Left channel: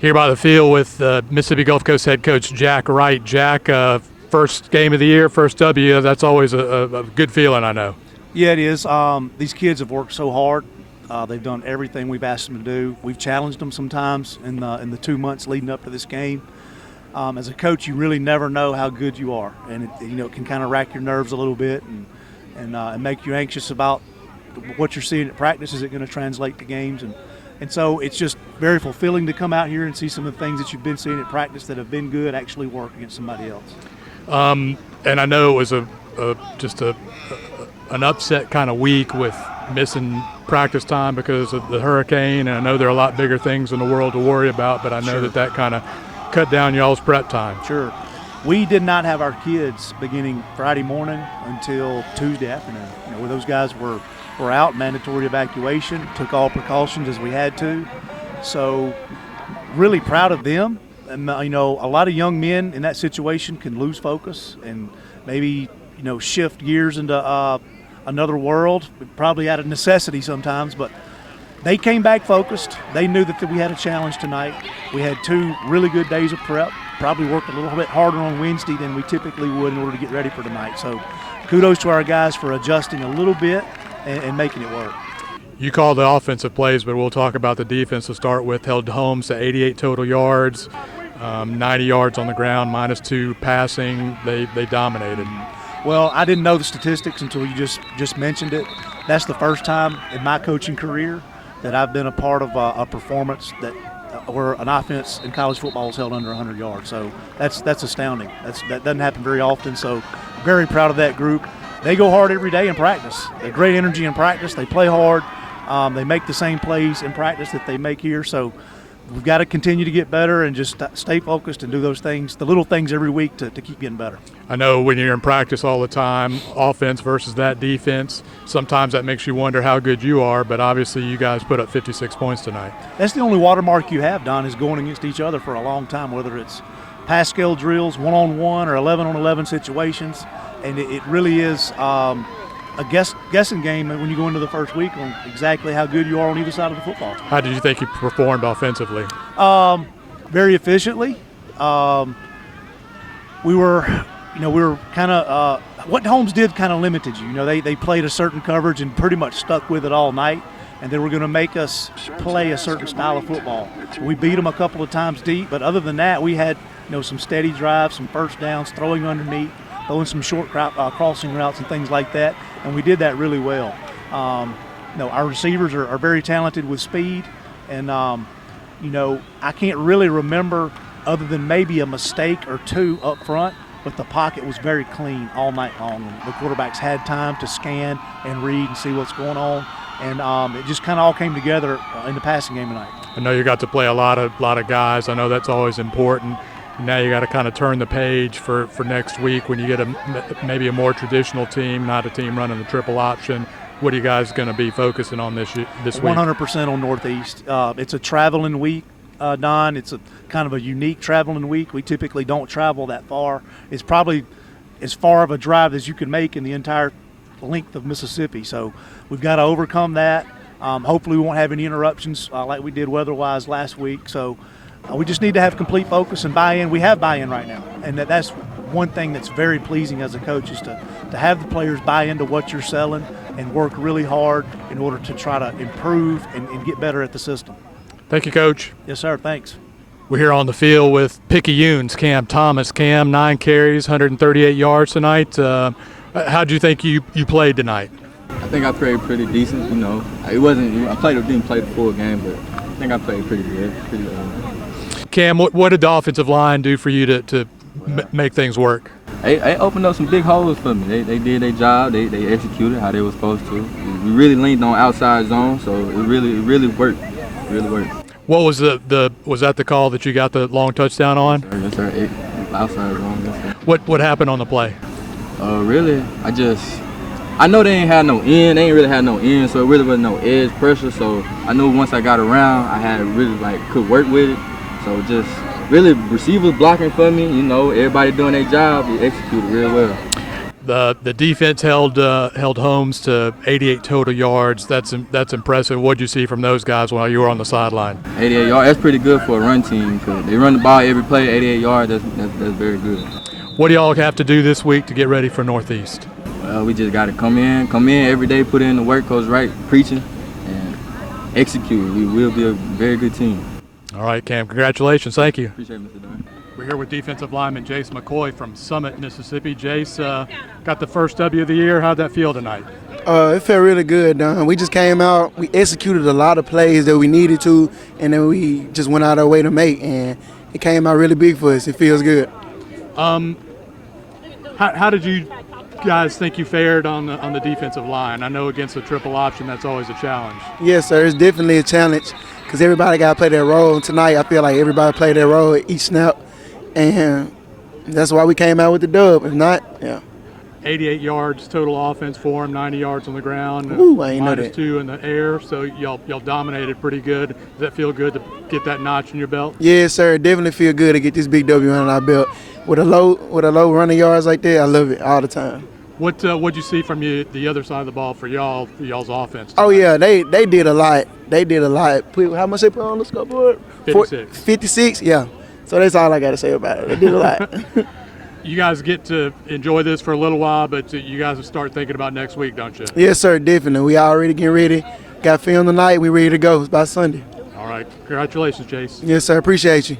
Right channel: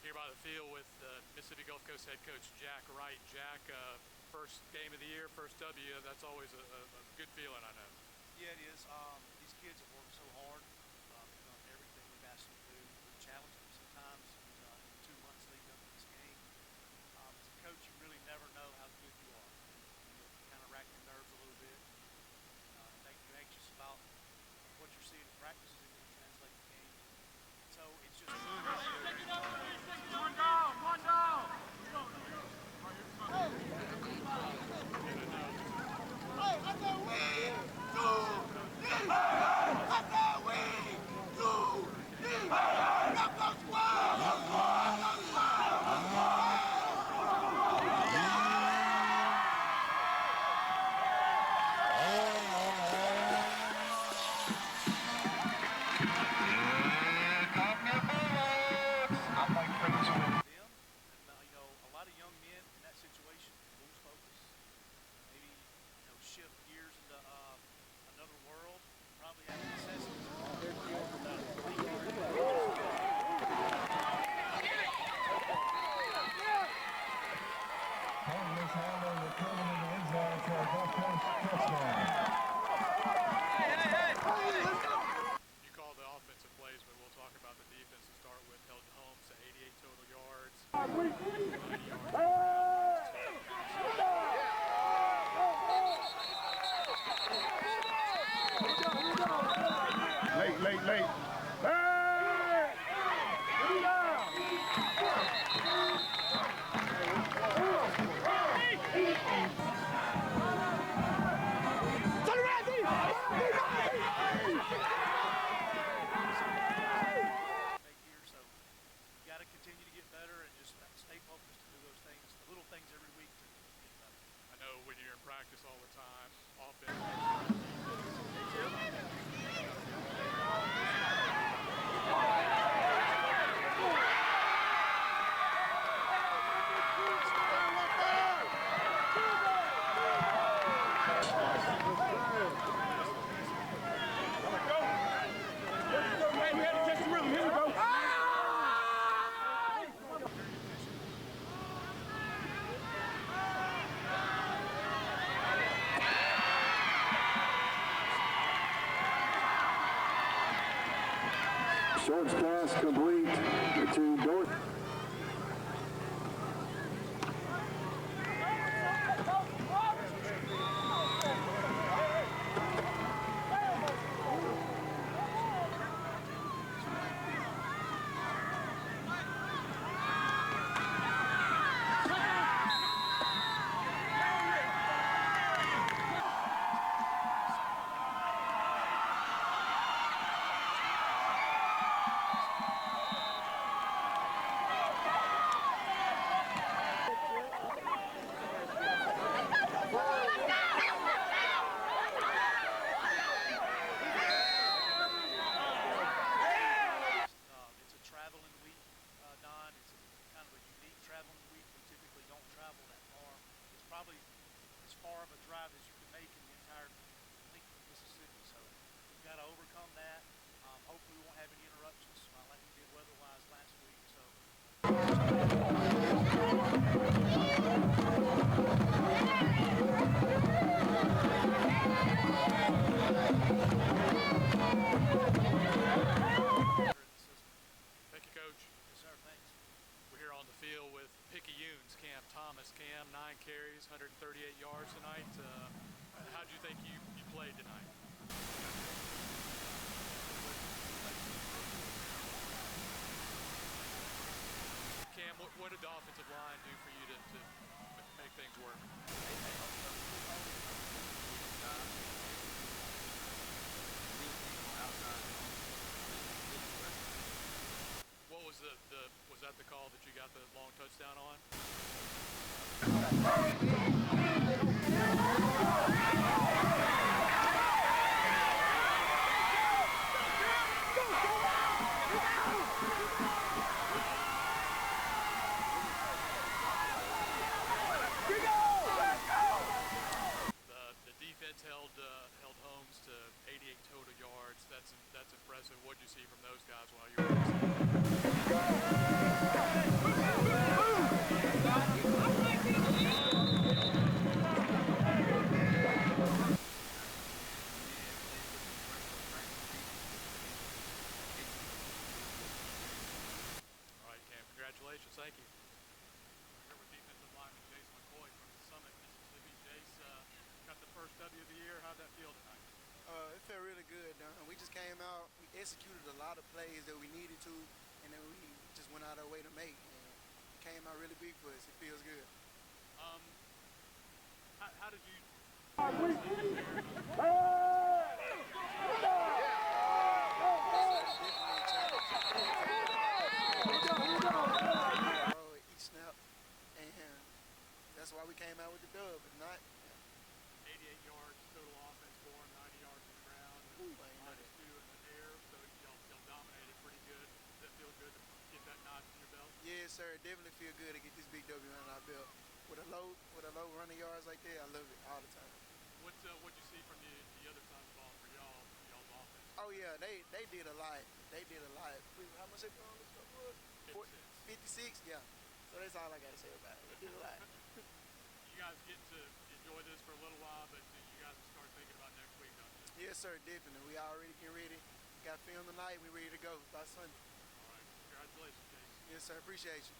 Here by the field with Mississippi Gulf Coast head coach Jack Wright. Jack, first game of the year, first W, that's always a good feeling, I know. Yeah, it is. These kids have worked so hard. They've done everything we've asked them to do. We've challenged them sometimes in the 2 months leading up to this game. As a coach, you really never know how good you are, and it can kind of rack your nerves a little bit and make you anxious about what you're seeing at practice. Is it going to translate to games? And so it's just very fulfilling to come out here and see some of the things that you've been seeing at practice that have been good actually work against somebody else. And I know it was just an upset kind of week with missing practice time because of the hurricane, and I know there are a lot bigger things in the world to worry about, but I know that kind of cut down y'all's prep time. Sure. We did not have our kids beginning Friday morning until Tuesday afternoon. Those guys were out, mandatory evacuation, took all precautions as we had to. So really proud of them. And, a lot of young men in that situation can lose focus and maybe, shift gears into another world, probably out of necessity sometimes, but they came back focused. They knew that we had a challenge tonight. We had 2 really good days of prep, probably worked a little bit harder on Wednesday than we typically would in order to get ready for tonight. So kudos to our guys for adjusting a little bit and making it work. You called the offensive plays, but we'll talk about the defense to start with. Held Holmes to 88 total yards, 90 yards on the ground, -2 passing. They dominated. Well, I didn't know the statistics until you just mentioned it. That's the first time in my coaching career that I've been a part of a performance where an offense in college football is held under 100 yards. So that's astounding. That doesn't happen very often. So very proud of that group. They go hard every day in practice. They're great energy in practice. They play hard. They make the same plays in practice that they make here. So we've got to continue to get better and just stay focused and do those things, the little things every week to keep getting better. I know when you're in practice all the time, offense versus that defense, sometimes that makes you wonder how good you are, but obviously you guys put up 56 points tonight. That's the only watermark you have, Don, is going against each other for a long time, whether it's pass-scale drills, one-on-one, or 11-on-11 situations. And it really is a guessing game when you go into the first week on exactly how good you are on either side of the football. How did you think you performed offensively? Very efficiently. We were kind of what Holmes did kind of limited you. They played a certain coverage and pretty much stuck with it all night, and they were going to make us play a certain style of football. We beat them a couple of times deep, but other than that, we had some steady drives, some first downs, throwing underneath, throwing some short crossing routes and things like that, and we did that really well. Our receivers are very talented with speed, and I can't really remember other than maybe a mistake or 2 up front, but the pocket was very clean all night long. The quarterbacks had time to scan and read and see what's going on, and it just kind of all came together in the passing game tonight. I know you got to play a lot of guys. I know that's always important. Now you got to kind of turn the page for next week when you get maybe a more traditional team, not a team running the triple option. What are you guys going to be focusing on this week? 100% on Northeast. It's a traveling week, Don. It's a kind of a unique traveling week. We typically don't travel that far. It's probably as far of a drive as you can make in the entire length of Mississippi. So we've got to overcome that. Hopefully we won't have any interruptions like we did weather-wise last week. So we just need to have complete focus and buy-in. We have buy-in right now, and that's one thing that's very pleasing as a coach is to have the players buy into what you're selling and work really hard in order to try to improve and get better at the system. Thank you, Coach. Yes, sir. Thanks. We're here on the field with Picayune's Cam Thomas. Cam, 9 carries, 138 yards tonight. How do you think you played tonight? I think I played pretty decent. It wasn't. Didn't play the full game, but I think I played pretty good. Cam, what did the offensive line do for you to make things work? They opened up some big holes for me. They did their job. They executed how they were supposed to. We really leaned on outside zone, so it really worked. Really worked. What was was that the call that you got the long touchdown on? Yes, sir. Outside zone. What happened on the play? Really, I know they ain't had no end. They ain't really had no end, so it really wasn't no edge pressure. So I knew once I got around, I had really could work with it. So just really receivers blocking for me. Everybody doing their job. They executed real well. The defense held Holmes to 88 total yards. That's impressive. What'd you see from those guys while you were on the sideline? 88 yards. That's pretty good for a run team. They run the ball every play. 88 yards. That's very good. What do y'all have to do this week to get ready for Northeast? We just got to come in every day, put in the work, Coach Wright preaching, and execute. We will be a very good team. All right, Cam. Congratulations. Thank you. Appreciate it, Mr. Dunn. We're here with defensive lineman Jace McCoy from Summit, Mississippi. Jace, got the first W of the year. How'd that feel tonight? It felt really good, Don. We just came out, we executed a lot of plays that we needed to, and then we just went out our way to make, and it came out really big for us. It feels good. How did you guys think you fared on the defensive line? I know against the triple option, that's always a challenge. Yes, sir. It's definitely a challenge because everybody got to play their role. And tonight, I feel like everybody played their role at each snap, and that's why we came out with the dub. If not, yeah. 88 yards total offense for him, 90 yards on the ground, Ooh, I ain't know that. -2 in the air. So y'all dominated pretty good. Does that feel good to get that notch in your belt? Yes, sir. It definitely feel good to get this big W under our belt. With a low running yards like that, I love it all the time. What'd you see from the other side of the ball for y'all's offense? Oh yeah, they did a lot. They did a lot. How much they put on the scoreboard? 56. 56, yeah. So that's all I got to say about it. They did a lot. You guys get to enjoy this for a little while, but you guys will start thinking about next week, don't you? Yes, sir, definitely. We already getting ready. Got film tonight. We ready to go. It's by Sunday. All right. Congratulations, Jace. Yes, sir. Appreciate you.